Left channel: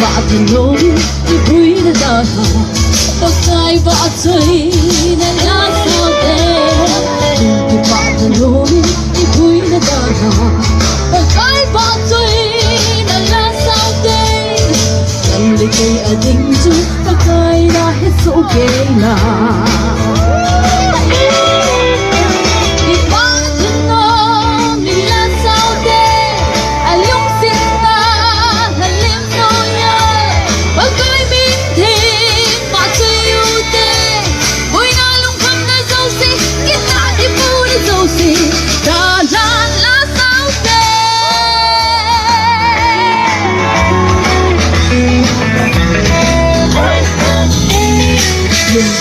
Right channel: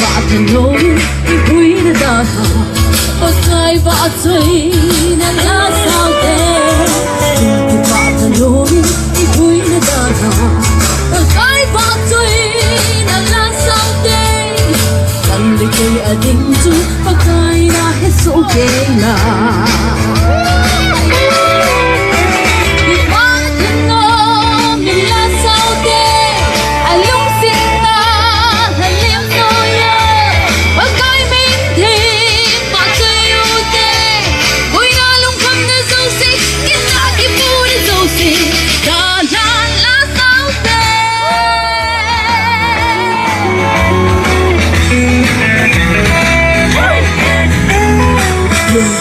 Bakit nỗi vui đã đòi hỏi và khai vã chơi đã lá sao thế Đừng bakit nỗi vui đã đòi hỏi và khai vã chơi đã lá sao thế Cần lấy cây ở đỉnh chú và khai đã hết số kê nào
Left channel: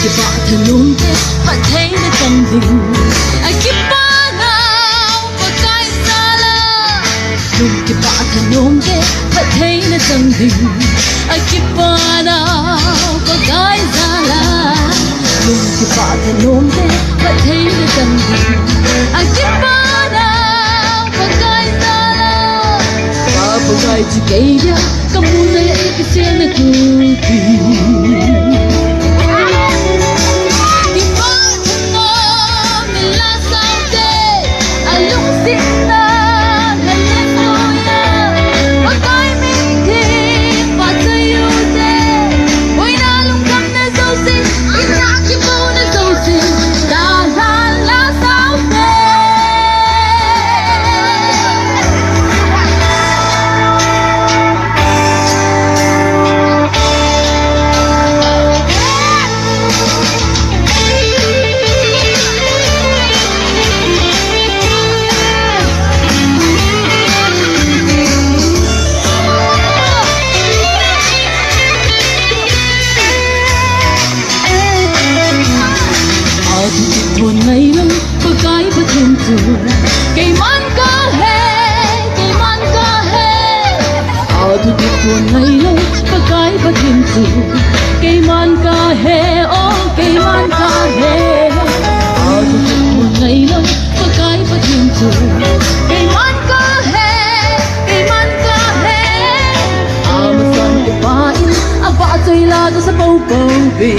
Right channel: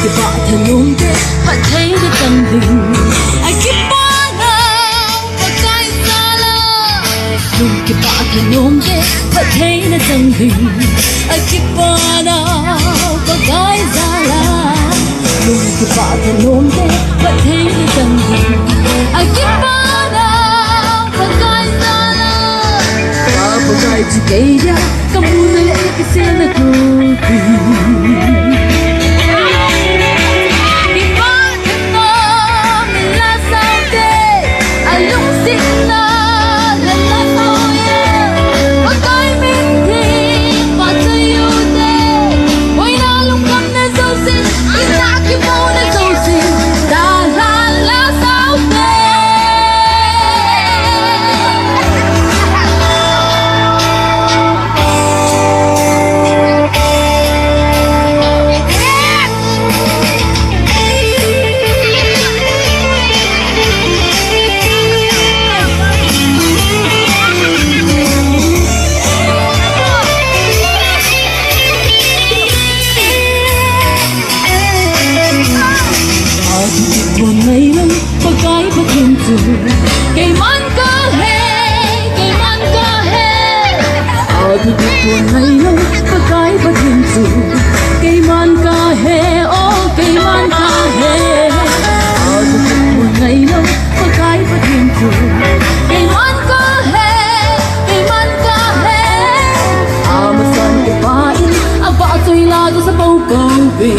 Cái bạn thân nôn thế bạn thấy nó tâm tình ai kiếp ba nào và cái xa lạ cái bạn thân nôn thế bạn thấy nó tâm tình ai kiếp ba nào và cái xa lạ cái bạn thân nôn thế bạn thấy nó tâm tình ai kiếp ba nào và cái xa lạ và cái chỉ cây ra kamu na cái xe na tu Cây man ca he Ở thì buồn hay lâu có cái có thêm sự Cây man ca he cây man ca he Ở thì buồn hay lâu có cái có thêm sự Cây man ca he mà xong cái phải vợ tôi là tôi sẽ bầu cầu vì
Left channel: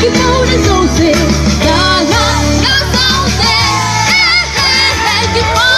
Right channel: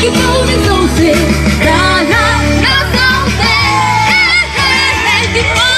Keep on and so say, la la la, so say, keep on.